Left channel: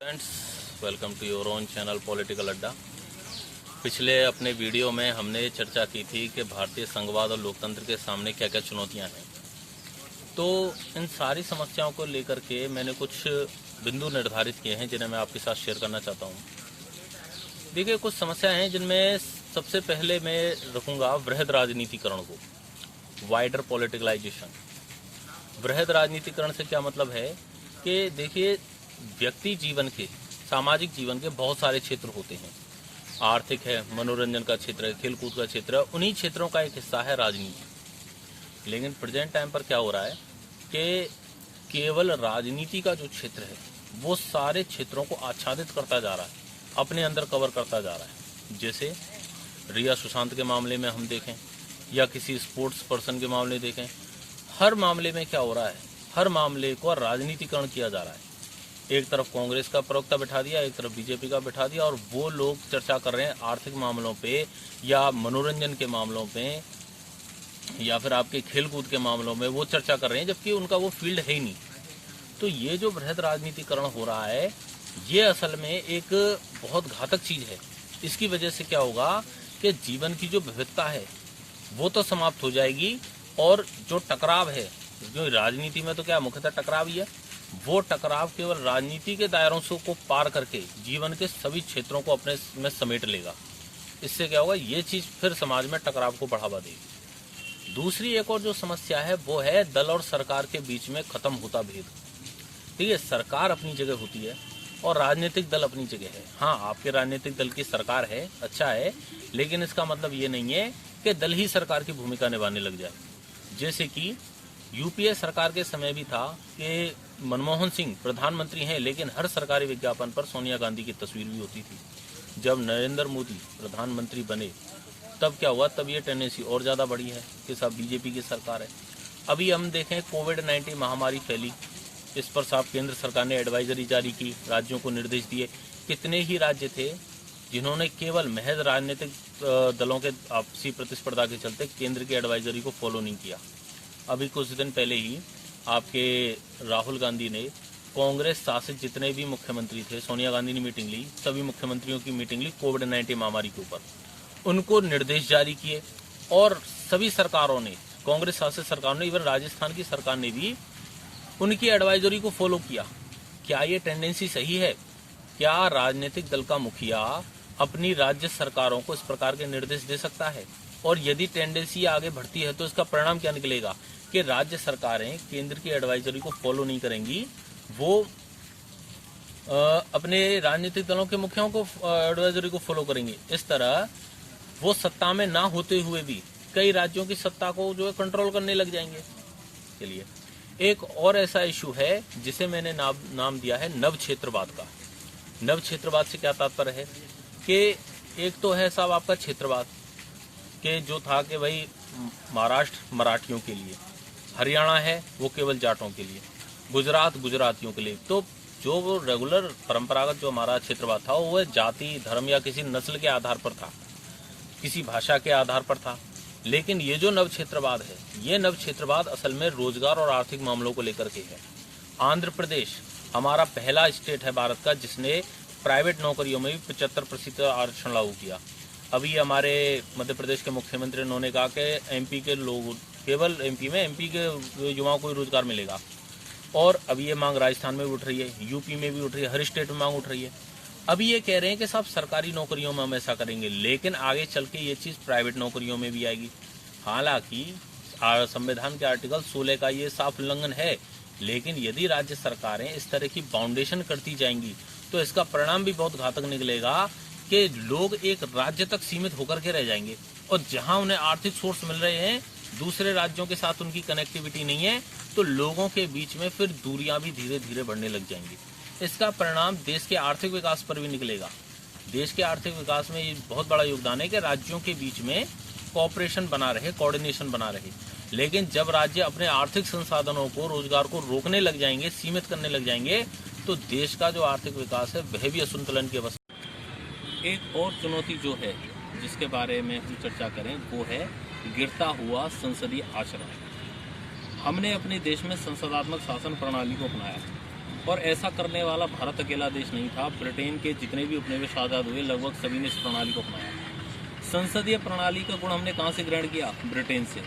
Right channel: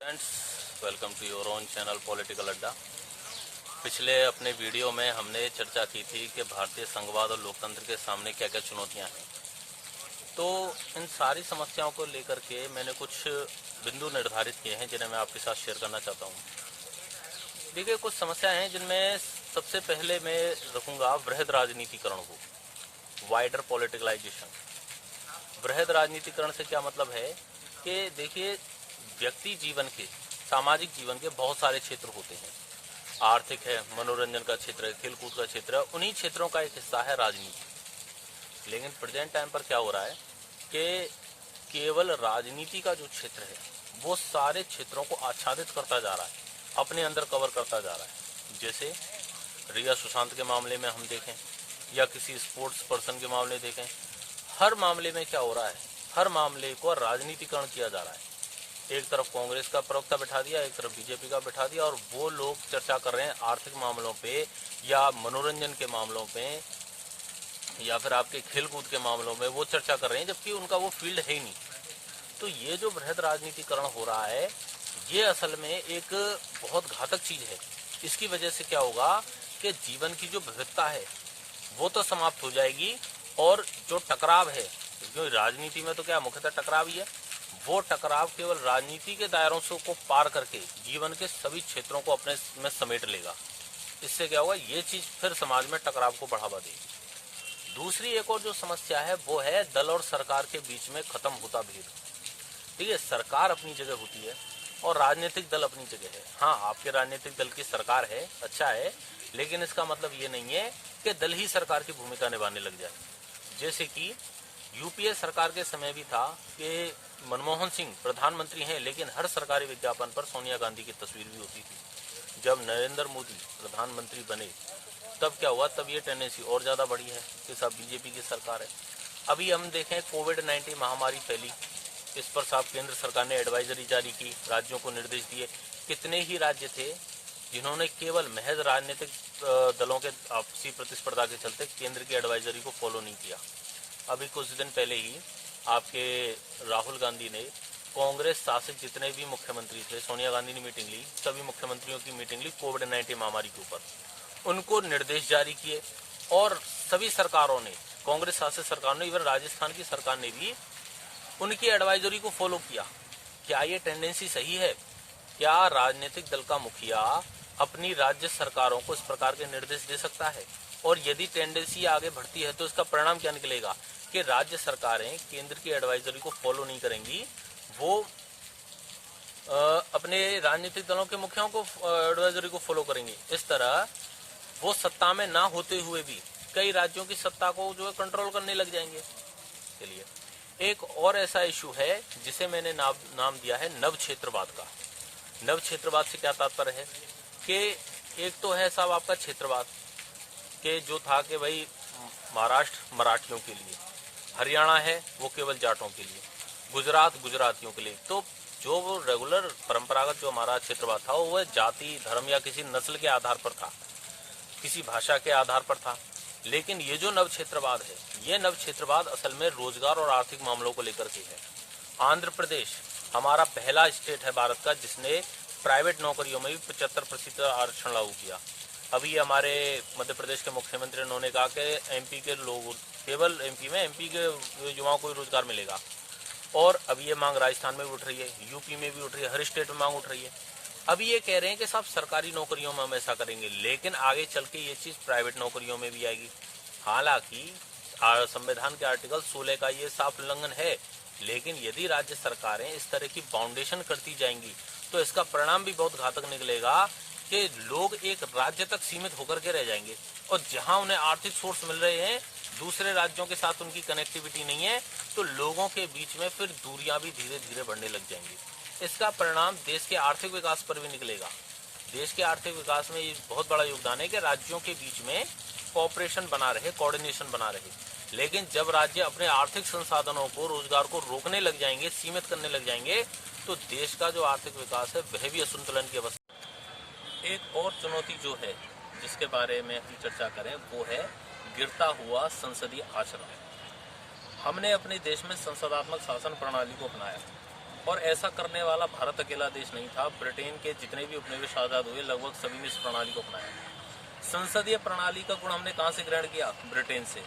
Friends, welcome to your own channel political Adda. पिछले अपने video में हमने चर्चा की थी कि भारतीय संघवाद और लोकतंत्र के सामने क्या क्या चुनौतियां हैं। तो इन सारी समस्याओं को लेकर के मैंने कुछ बिंदु निर्धारित किए हैं जिन्हें मैं आपके साथ शेयर करना चाहता हूं। देखिए, कुछ समस्याएं हैं जिनमें सबसे पहले मैं रखूंगा वृहद राजनीतिकरण को, वाइडर पॉलिटिकलाइजेशन। वृहद राजनीतिकरण से क्या मतलब है कि देखिए, व्यक्ति जीवन के, सामाजिक जीवन के बहुत सारे क्षेत्र होते हैं। आर्थिक है, मनोरंजन का क्षेत्र है, खेलकूद का क्षेत्र है, उन्हीं क्षेत्रों का एक हिस्सा है राजनीति। लेकिन प्रेजेंट टाइम पर क्या हो रहा है कि केवल राजनीति का जो क्षेत्र है वो सारे क्षेत्रों को आच्छादित करता जा रहा है, अपने अंदर कवर करता जा रहा है। जैसे रिया सुशांत के मामले में हम देखें या किसी स्पोर्ट्स पर्सन के मामले में देखें, हर मामले में क्या हो रहा है, हर मामले को राजनीतिकरण किया जा रहा है। एक तरफ कांग्रेस का प्रवक्ता बैठा दिया, एक तरफ बीजेपी का बैठा दिया, और वो लोग चर्चा कर रहे हैं आर्थिक मामलों पे या मनोरंजन के मामलों पे या फिर आपके खेलकूद के मामलों में वो चर्चा कर रहे हैं, जबकि उनका वो फील्ड है ही नहीं। तो ये जो वृहद राजनीतिकरण हो रहा है, ये असल में एक बहुत घातक चीज है। इसकी वजह से क्या होगा कि जीवन की जो विविधता है वो तो समाप्त हो जाएगी, और जो टकराव है, जो राजनीति में तो क्या मुख्यतः टकराव ही है, वो टकराव केवल राजनीति के दायरों से को पार करके जीवन के सभी क्षेत्रों को अपने में समेट लेगा। इससे क्या होगा, ये चीज फिर समाज में टकराव को बढ़ावा देगी। दूसरी एक और जो समस्या है वो है दल और सरकार के बीच में खत्म होता भेद। ठीक है, सरकार अपनी जगह होती है और राजनीतिक दल अपनी जगह है। हाँ, आपके राजनीतिक दल की सरकार है, अच्छा है, लेकिन इसका मतलब ये नहीं है कि दल ही सरकार की भूमिका निभाने लग जाए। जैसे कि यूपीए सरकार के समय भी था कि मनमोहन सिंह प्रधानमंत्री हैं, लेकिन हर सरकारी विज्ञापन पर सोनिया गांधी की तस्वीर भी होती थी। जब नरेंद्र मोदी प्रधानमंत्री बने तब क्या हुआ, तब ये टेंडेंसी और ज्यादा बढ़ी है कि सब बीजेपी की सरकार है। अभी हम देखें, कोविड-19 महामारी फैली, इस पर साहब केंद्र सरकार ने एडवाइजरी जारी की, राज्यों को निर्देश दिए। कितने ही राज्य थे जिन्होंने केवल महज राजनीतिक दलों के आपसी प्रतिस्पर्धा के चलते केंद्र की एडवाइजरी को फॉलो नहीं किया। अभी कुछ दिन पहले ही आपके राहुल गांधी ने कांग्रेस शासित जितने भी मुख्यमंत्री थे, सोनिया गांधी ने मीटिंग ली, सभी मुख्यमंत्रियों की मीटिंग ली कोविड-19 महामारी के ऊपर। उनको निर्देश जारी किए और सभी सरकारों ने, कांग्रेस शासित सरकार ने, इवन राजस्थान की सरकार ने भी उनकी एडवाइजरी को फॉलो किया। क्या ये टेंडेंसी सही है? क्या राजनीतिक दल का मुखिया अपनी राज्य सरकारों को इस प्रकार के निर्देश दे सकता है? और यदि टेंडेंसी आगे बढ़ती है तो इसका परिणाम क्या निकलेगा कि राज्य सरकारें केंद्र की एडवाइजरी को फॉलो नहीं करेंगी, वो अपने राजनीतिक दलों के मुखियाओं को एडवाइजरी को फॉलो करेंगे। इस तरह वो सत्ता में ना होते हुए भी कई राज्यों की सत्ता को जो है कंट्रोल करने लग जाएंगे। चलिए, एक और ऐसा इशू है जिसे मैंने नाम दिया है नव क्षेत्रवाद का। नव क्षेत्रवाद से क्या तात्पर्य है कि एक तो है साहब आपका क्षेत्रवाद के जो था कि भाई महाराष्ट्र मराठियों के लिए, हरियाणा है वो केवल जाटों के लिए, गुजरात गुजरातियों के लिए। तो जो वो रेगुलर परंपरागत जो हमारा क्षेत्रवाद था वो जाति, धर्म या किसी नस्ल के आधार पर था, किसी भाषा के आधार पर था। लेकिन ये जो नव क्षेत्रवाद है, ये नव क्षेत्रवाद असल में रोजगार और आर्थिक मामलों को लेकर के है। आंध्र प्रदेश हमारा पहला स्टेट है भारत का जिसने प्राइवेट नौकरियों में भी 75% आरक्षण लागू किया। अभी हमारे मध्य प्रदेश के मुख्यमंत्री उन्होंने कहा कि एमपी के लोग, केवल एमपी के युवाओं को रोजगार मिलेगा। और अभी ये मांग राजस्थान में भी उठ रही है, यूपी में भी उठ रही है, हर स्टेट में मांग उठ रही है। अभी ये कह रहे हैं कि साहब सरकारी नौकरियों में हम ऐसा करेंगे, लेकिन आगे चल के ये चीज प्राइवेट नौकरियों में भी आएगी। हालांकि संविधान के आर्टिकल 16 का ये साफ उल्लंघन है, लेकिन यदि राज्य सरकारें इस तरह की बाउंडेशन करती जाएंगी तो इसका परिणाम भी बहुत घातक निकलेगा कि लोग एक राज्य तक सीमित होकर के रह जाएंगे, और जहां उन्हें आर्थिक सोर्स मिल रहे हैं, दूसरे राज्यों के साथ उनकी कनेक्टिविटी नहीं है, तो लोगों के बीच में फिर दूरियां भी धीरे धीरे बढ़ने लग जाएंगी। इसका परिणाम देश के आर्थिक विकास पर भी निकलेगा। देश के आर्थिक विकास में ये बहुत बड़ा योगदान है कि राज्यों के बीच में कोऑपरेशन बना रहे, कोऑर्डिनेशन बना रहे। लेकिन जब राज्य अपने आर्थिक संसाधनों को, रोजगार को रोकने लग जाएंगे, सीमित करने लग जाएंगे, तो देश का जो आर्थिक विकास है वह भी असंतुलन की अवस्था। एक और चुनौती जो है जिसके बारे में हम चर्चा करें वो है गिरता हुआ संसदीय आचरण। हमने अपने देश में संसदात्मक शासन प्रणाली को अपनाया, और ऐसा करने वाला भारत अकेला देश नहीं था। ब्रिटेन के जितने भी उपनिवेश आज़ाद हुए लगभग सभी ने इस प्रणाली को अपनाया। संसदीय प्रणाली का गुण हमने कहाँ से ग्रहण किया? ब्रिटेन से।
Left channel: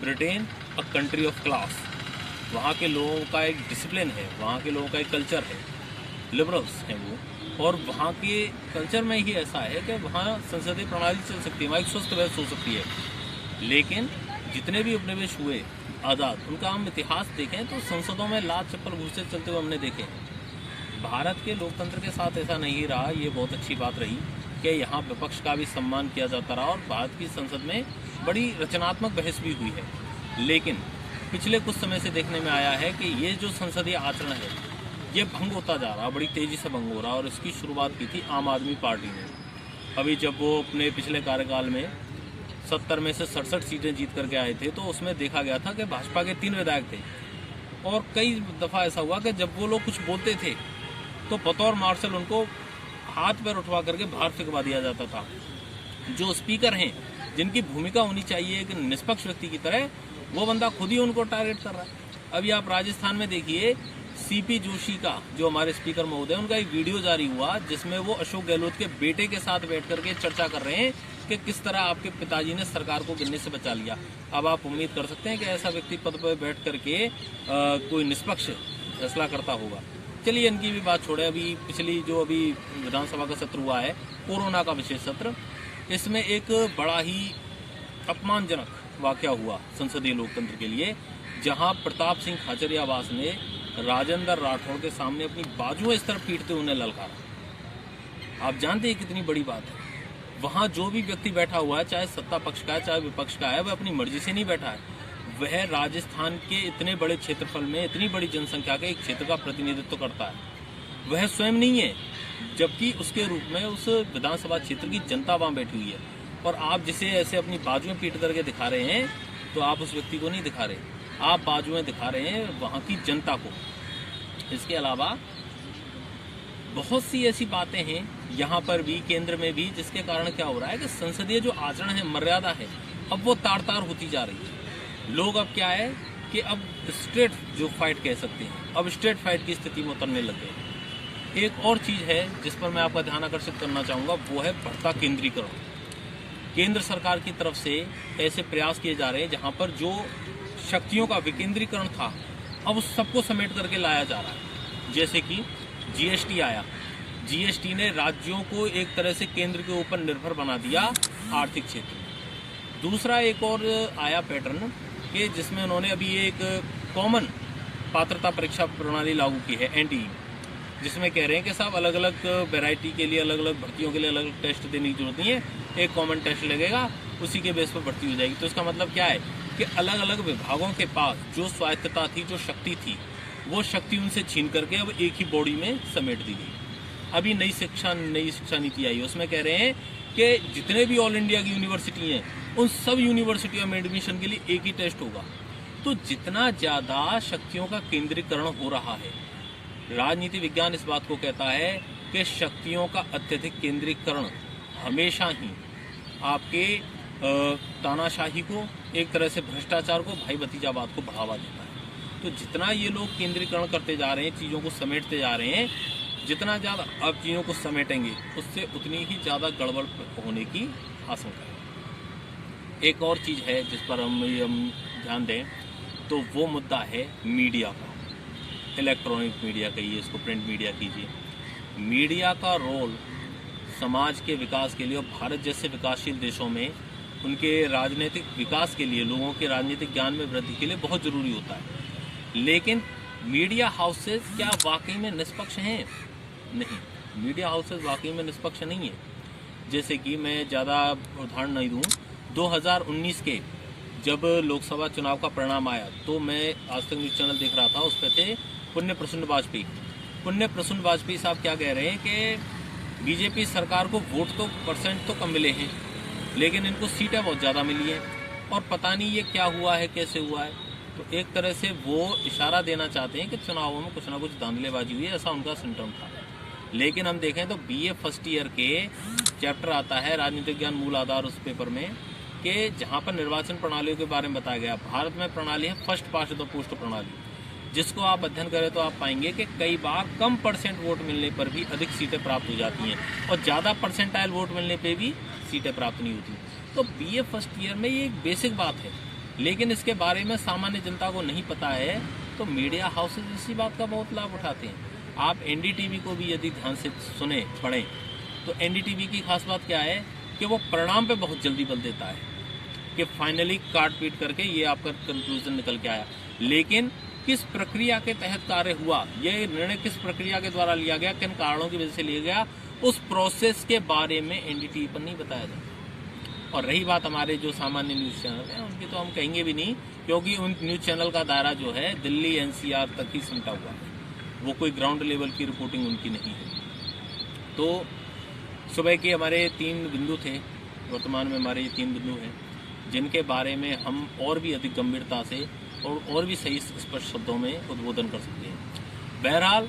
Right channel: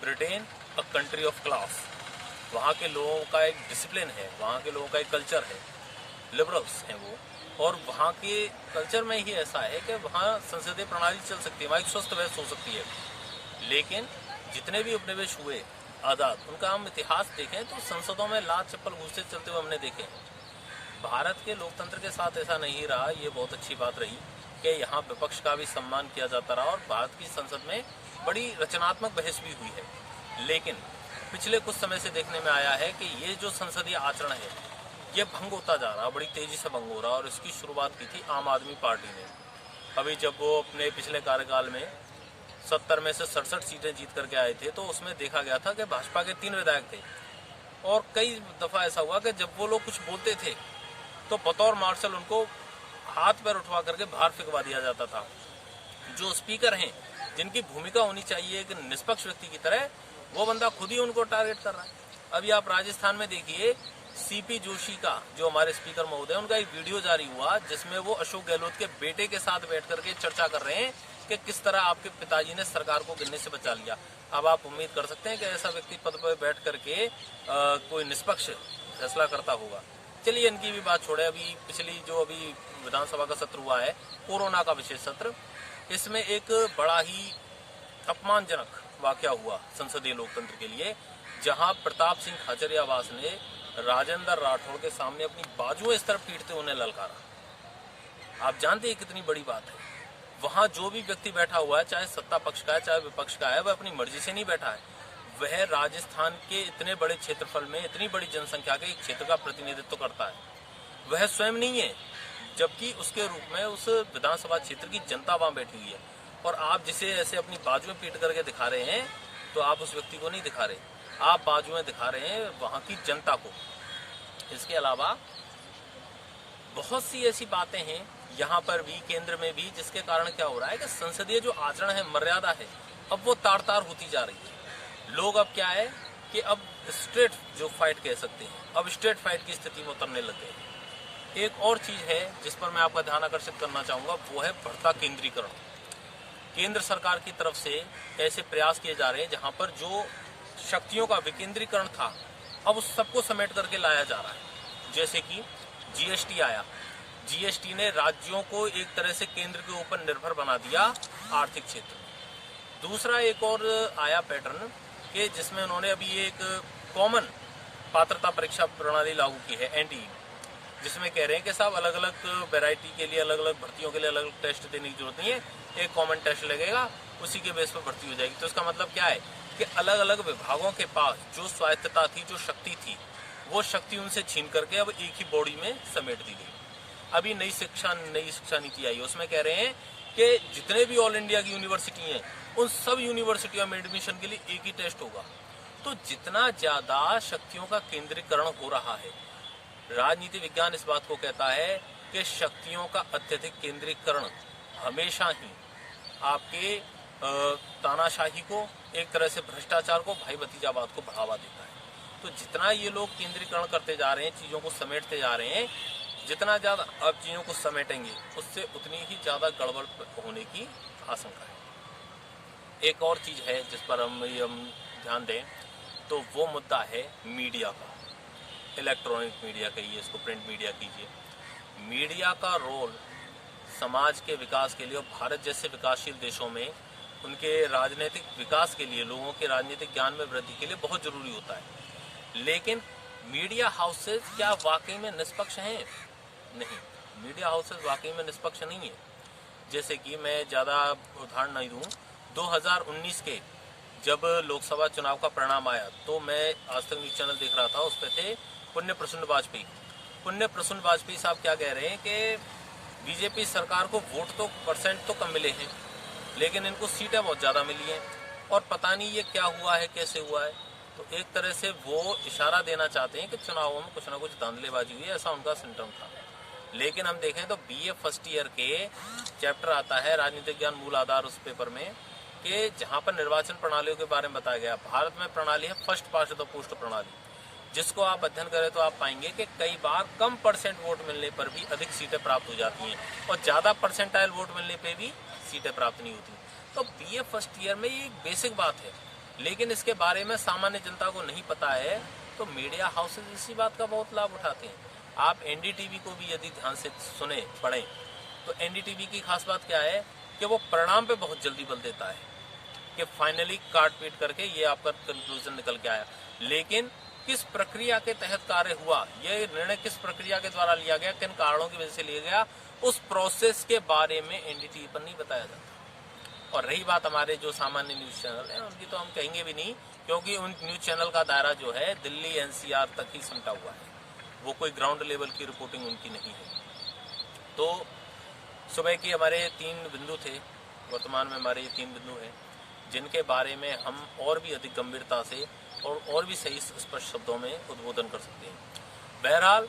Britain a country of class, वहाँ के लोगों का एक डिसिप्लिन है, वहाँ के लोगों का एक कल्चर है, लिबरल्स हैं वो, और वहाँ के कल्चर में ही ऐसा है कि वहाँ संसदीय प्रणाली चल सकती है, वहाँ एक स्वस्थ बहस हो सकती है। लेकिन जितने भी उपनिवेश हुए आज़ाद, उनका हम इतिहास देखें तो संसदों में लात चप्पल घुसे चलते हुए हमने देखे। भारत के लोकतंत्र के साथ ऐसा नहीं रहा। ये बहुत अच्छी बात रही कि यहाँ विपक्ष का भी सम्मान किया जाता रहा और भारत की संसद में बड़ी रचनात्मक बहस भी हुई है। लेकिन पिछले कुछ समय से देखने में आया है कि ये जो संसदीय आचरण है ये भंग होता जा रहा, बड़ी तेजी से भंग हो रहा। और इसकी शुरुआत की थी आम आदमी पार्टी ने। अभी जब वो अपने पिछले कार्यकाल में 70 में से 67 सीटें जीत करके आए थे तो उसमें देखा गया था कि भाजपा के 3 विधायक थे, और कई दफा ऐसा हुआ कि जब वो लोग कुछ बोलते थे तो बतौर मार्शल उनको हाथ पैर उठवा करके बाहर फेंकवा दिया जाता था। जो स्पीकर हैं, जिनकी भूमिका होनी चाहिए एक निष्पक्ष व्यक्ति की तरह, वो बंदा खुद ही उनको टारगेट कर रहा है। अभी आप राजस्थान में देखिए, सीपी जोशी का, जो हमारे स्पीकर महोदय, उनका एक वीडियो जारी हुआ जिसमें वो अशोक गहलोत के बेटे के साथ बैठ करके चर्चा कर रहे हैं कि किस तरह आपके पिताजी ने सरकार को गिरने से बचा लिया। अब आप उम्मीद कर सकते हैं कि ऐसा व्यक्ति पद पर बैठ करके कोई निष्पक्ष फैसला करता होगा। चलिए इनकी भी बात छोड़े। अभी पिछली जो अभी विधानसभा का सत्र हुआ है, कोरोना का विशेष सत्र, इसमें एक बड़ा ही अपमानजनक वाकया हुआ संसदीय लोकतंत्र के लिए, जहां प्रताप सिंह खाचरियावास ने राजेंद्र राठौड़ के सामने अपनी बाजुएं इस तरह पीटते उन्हें ललकारा। आप जानते हैं कितनी बड़ी बात है। वहां जो भी व्यक्ति बैठा हुआ है, चाहे सत्ता पक्ष का है चाहे विपक्ष का है, वह अपनी मर्जी से नहीं बैठा है। वह राजस्थान के इतने बड़े क्षेत्रफल में इतनी बड़ी जनसंख्या के एक क्षेत्र का प्रतिनिधित्व करता है। वह स्वयं नहीं है, जबकि उसके रूप में उस विधानसभा क्षेत्र की जनता वहां बैठी हुई है। और आप जिसे ऐसे अपनी बाजुएं पीट करके दिखा रहे हैं, तो आप उस व्यक्ति को नहीं दिखा रहे, आप बाजुएं दिखा रहे हैं वहां की जनता को। इसके अलावा बहुत सी ऐसी बातें हैं यहाँ पर भी, केंद्र में भी, जिसके कारण क्या हो रहा है कि संसदीय जो आचरण है, मर्यादा है, अब वो तार तार होती जा रही है। लोग अब क्या है कि अब स्ट्रेट जो फाइट कह सकते हैं, अब स्ट्रेट फाइट की स्थिति में उतरने लग गए हैं। एक और चीज है जिस पर मैं आपका ध्यान आकर्षित करना चाहूंगा, वो है बढ़ता केंद्रीकरण। केंद्र सरकार की तरफ से ऐसे प्रयास किए जा रहे हैं जहां पर जो शक्तियों का विकेंद्रीकरण था, अब उस सबको समेट करके लाया जा रहा है। जैसे कि जीएसटी आया, जीएसटी ने राज्यों को एक तरह से केंद्र के ऊपर निर्भर बना दिया आर्थिक क्षेत्र में। दूसरा एक और आया पैटर्न कि जिसमें उन्होंने अभी एक कॉमन पात्रता परीक्षा प्रणाली लागू की है, एनटीई, जिसमें कह रहे हैं कि साहब अलग अलग वैरायटी के लिए, अलग अलग भर्तियों के लिए अलग अलग टेस्ट देने की जरूरत नहीं है, एक कॉमन टेस्ट लगेगा, उसी के बेस पर भर्ती हो जाएगी। तो इसका मतलब क्या है कि अलग अलग विभागों के पास जो स्वायत्तता थी, जो शक्ति थी, वो शक्ति उनसे छीन करके अब एक ही बॉडी में समेट दी गई। अभी नई शिक्षा नीति आई, उसमें कह रहे हैं कि जितने भी ऑल इंडिया की यूनिवर्सिटी हैं, उन सब यूनिवर्सिटियों में एडमिशन के लिए एक ही टेस्ट होगा। तो जितना ज्यादा शक्तियों का केंद्रीकरण हो रहा है, राजनीति विज्ञान इस बात को कहता है कि शक्तियों का अत्यधिक केंद्रीकरण हमेशा ही आपके तानाशाही को, एक तरह से भ्रष्टाचार को, भाई भतीजावाद को बढ़ावा देता है। तो जितना ये लोग केंद्रीकरण करते जा रहे हैं, चीजों को समेटते जा रहे हैं, जितना ज्यादा अब चीजों को समेटेंगे उससे उतनी ही ज्यादा गड़बड़ होने की आशंका है। एक और चीज है जिस पर हम ध्यान दें, तो वो मुद्दा है मीडिया का। इलेक्ट्रॉनिक मीडिया कहिए इसको, प्रिंट मीडिया कीजिए। मीडिया का रोल समाज के विकास के लिए और भारत जैसे विकासशील देशों में उनके राजनीतिक विकास के लिए, लोगों के राजनीतिक ज्ञान में वृद्धि के लिए बहुत जरूरी होता है। लेकिन मीडिया हाउसेज क्या वाकई में निष्पक्ष हैं? नहीं, मीडिया हाउसेज वाकई में निष्पक्ष नहीं है। जैसे कि मैं ज़्यादा उदाहरण नहीं दूँ, 2019 के जब लोकसभा चुनाव का परिणाम आया तो मैं आज तक न्यूज़ चैनल देख रहा था, उस पर थे पुण्य प्रसून वाजपेयी। पुण्य प्रसून वाजपेयी साहब क्या कह रहे हैं कि बीजेपी सरकार को वोट तो परसेंट तो कम मिले हैं, लेकिन इनको सीटें बहुत ज़्यादा मिली हैं और पता नहीं ये क्या हुआ है, कैसे हुआ है। तो एक तरह से वो इशारा देना चाहते हैं कि चुनावों में कुछ ना कुछ धांधलेबाजी हुई है, ऐसा उनका सिम्टम था। लेकिन हम देखें तो बीए फर्स्ट ईयर के चैप्टर आता है राजनीतिक ज्ञान मूल आधार, उस पेपर में, कि जहाँ पर निर्वाचन प्रणालियों के बारे में बताया गया। भारत में प्रणाली है फर्स्ट पास्ट द पोस्ट प्रणाली। जिसको आप अध्ययन करें तो आप पाएंगे कि कई बार कम परसेंट वोट मिलने पर भी अधिक सीटें प्राप्त हो जाती हैं और ज़्यादा परसेंटाइल वोट मिलने पे भी सीटें प्राप्त नहीं होती। तो बीए फर्स्ट ईयर में ये एक बेसिक बात है, लेकिन इसके बारे में सामान्य जनता को नहीं पता है, तो मीडिया हाउसेज इसी बात का बहुत लाभ उठाते हैं। आप एनडीटीवी को भी यदि ध्यान से सुने पढ़ें तो एनडीटीवी की खास बात क्या है कि वो परिणाम पे बहुत जल्दी बल देता है कि फाइनली काट पीट करके ये आपका कंक्लूजन निकल के आया, लेकिन किस प्रक्रिया के तहत कार्य हुआ, ये निर्णय किस प्रक्रिया के द्वारा लिया गया, किन कारणों की वजह से लिया गया, उस प्रोसेस के बारे में एनडीटीवी पर नहीं बताया जाता। और रही बात हमारे जो सामान्य न्यूज चैनल हैं उनकी तो हम कहेंगे भी नहीं, क्योंकि उन न्यूज चैनल का दायरा जो है दिल्ली एनसीआर तक ही सिमटा हुआ है, वो कोई ग्राउंड लेवल की रिपोर्टिंग उनकी नहीं है। तो सुबह के हमारे 3 बिंदु थे, वर्तमान में हमारे ये 3 बिंदु हैं जिनके बारे में हम और भी अधिक गंभीरता से और भी सही स्पष्ट शब्दों में उद्बोधन कर सकते हैं। बहरहाल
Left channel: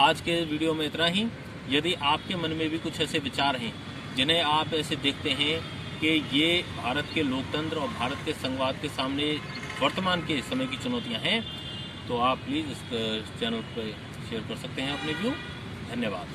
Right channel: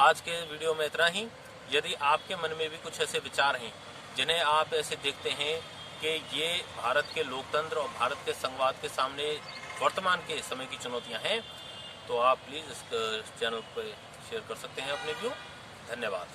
आज के वीडियो में इतना ही। यदि आपके मन में भी कुछ ऐसे विचार हैं जिन्हें आप ऐसे देखते हैं कि ये भारत के लोकतंत्र और भारत के संघवाद के सामने वर्तमान के समय की चुनौतियां हैं, तो आप प्लीज़ इस चैनल पर शेयर कर सकते हैं अपने व्यू। धन्यवाद।